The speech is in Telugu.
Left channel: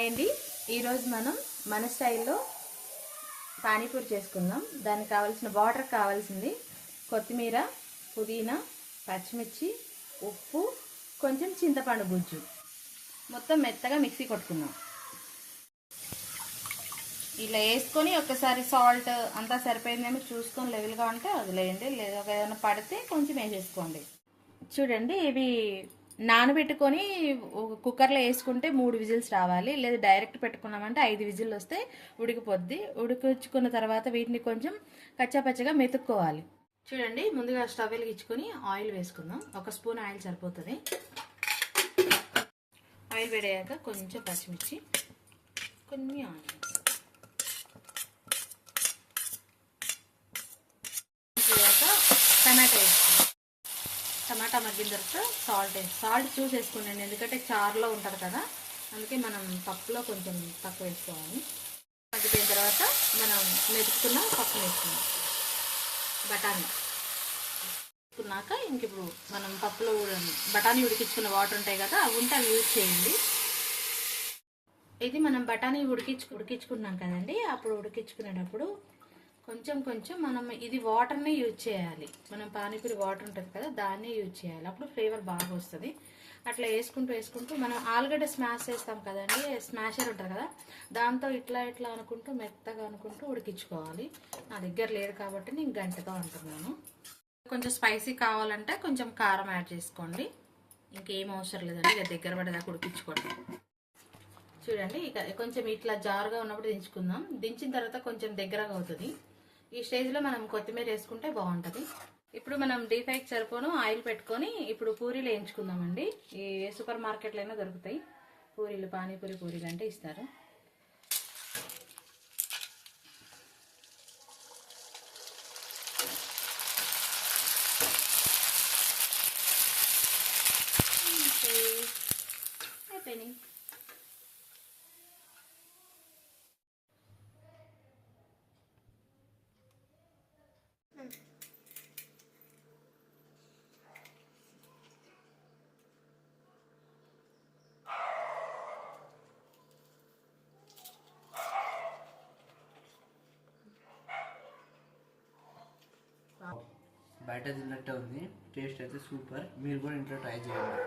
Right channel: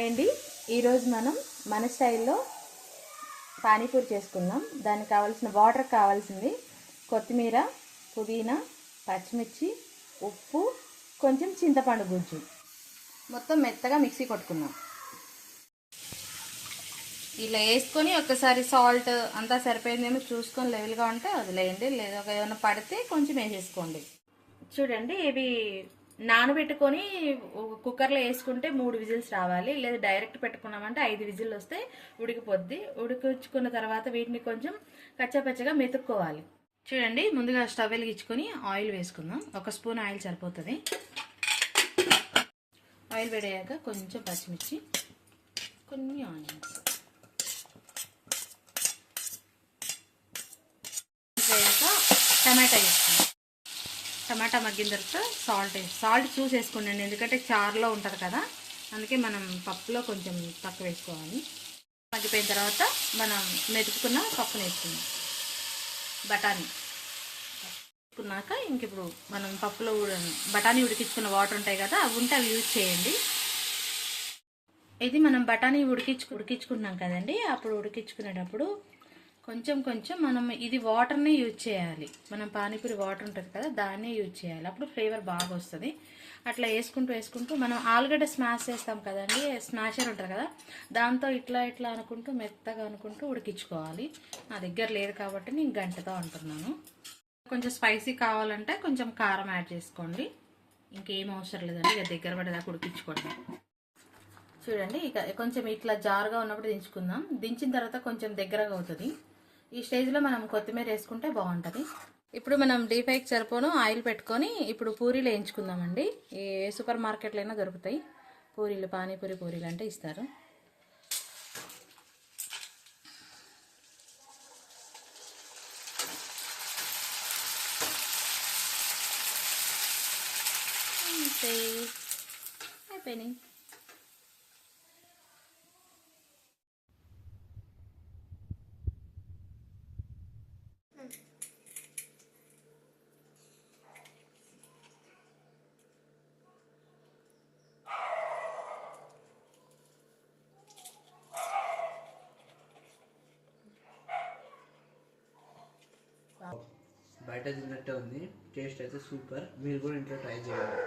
అండి ఈరోజు మనం మన స్టైల్లో పానీపూరి చేసుకుందాం. దానికి కావాల్సిన వాటర్ కావాల్సింది కొత్తిమీర, పుదీనా, పచ్చిమిర్చి, ఉప్పు, కొంచెం చింతపండు గుజ్జు. మొత్తం మెత్తగా మిక్సీ కొట్టుకుందాం. ఇలా వేసుకొని ఒకసారి సాల్ట్ అంతా సరిపోయిందేమో చూసుకొని లెవెల్గా ఉంటే వదిలేయండి, లేదా ఏమైనా పడితే కొంచెం వేసేసుకోండి. చూడండి, ఇవి నానబెట్టుకొని కుక్కర్లో వేసుకుంటే 3 విజిల్స్ రావాలి, లేదా డైరెక్ట్ పెట్టుకున్నామంటే 5 విజిల్ వస్తే ఉడికిపోద్ది. ఉడికించుకున్న తర్వాత వీటిని కొంచెం కచ్చాపచ్చగా మెతుక్కోవాలి. చూడండి, ముందుగా స్టవ్ వెలిగించుకొని ఆయిల్ వేసుకుందాం. 1 స్పూన్ ఆయిల్ సరిపోతుంది. ఆయిల్ వేడయ్యాక కొంచెం పచ్చిమిర్చి, కొన్ని ఆనియన్స్ వేయాక టమాటా వేసుకుందాం. టమాటా మగ్గిన తర్వాత సాల్ట్ చూసి వేసుకోండి, ఎందుకంటే చారులో ఉంటుంది కదా, అందుకే మనం పప్పులో కొంచెం తక్కువ వేసుకోవాలి. మగ్గిపోయిన తర్వాత మనం మెతుకున్న పప్పు వేసుకుందాం. బఠానీ వేసుకున్నాక ఇంక ఇప్పుడు మనం పప్పులో బఠానీ ఉడికించుకున్న వాటర్ ఉంటాయి కదా, అవి ఉంటే అవి యూజ్ చేయండి. ఇది మనం బఠానీ ఉడికించుకున్నాం కదండి, అప్పుడు ఉడికించుకునేటప్పుడు కొంచెం మనం ఇది వాటర్ని యూజ్ చేయాలి. మనం పానీపూరి వాటర్ ఉంటుంది కదా, దాన్నే యూజ్ చేయాలి, అప్పుడు ఫ్లేవర్ బాగా వస్తుంది. అట్లా వేసుకుంటూ మనం ఆలుగడ్డ స్మాష్ చేస్తాం కదండి, స్మాషర్ ఉంటుంది కదా, దాంతో ఇట్లా అనుకుంటూ మెత్తగా అనుకుంటూ ఉడికించుకోవాలి. నా దగ్గర లేదు కాబట్టి నేను గంటతో అంటున్నాను. కొంచెం స్పైసీ కావాలంటే కొంచెం కారం యాడ్ చేసుకోండి, ఇంకేం అవసరం లేదండి, ఇక దగ్గర పడేదాకా ఉడికించుకోండి. చూడండి, ఇక కొంచెం ఇట్లా జారుగా ఉన్నప్పుడు దించుకుందాం. దించిన తర్వాత కొంచెం దగ్గరగా అవుతుంది. ఈ స్టేజ్లో మనం కొత్తిమీర వేసుకుంటే బాగుంటుంది. ఇప్పుడు మనం డీప్ ఫ్రైకి సరిపోను ఆయిల్ పెట్టుకొని ఇప్పుడు పూరీలు వేయించుకుందామండి. ఏ సూపర్ మార్కెట్లో అయినా దొరుకుతాయి పూరీలు, పానీపూరి పూరీలు అంటే ఇస్తారు. అయిపోయినాయి. బయట తిన్నట్టే ఉంది, టేస్ట్ అయితే సూపర్. మీరు కూడా ఇంట్లో ట్రై చేయండి.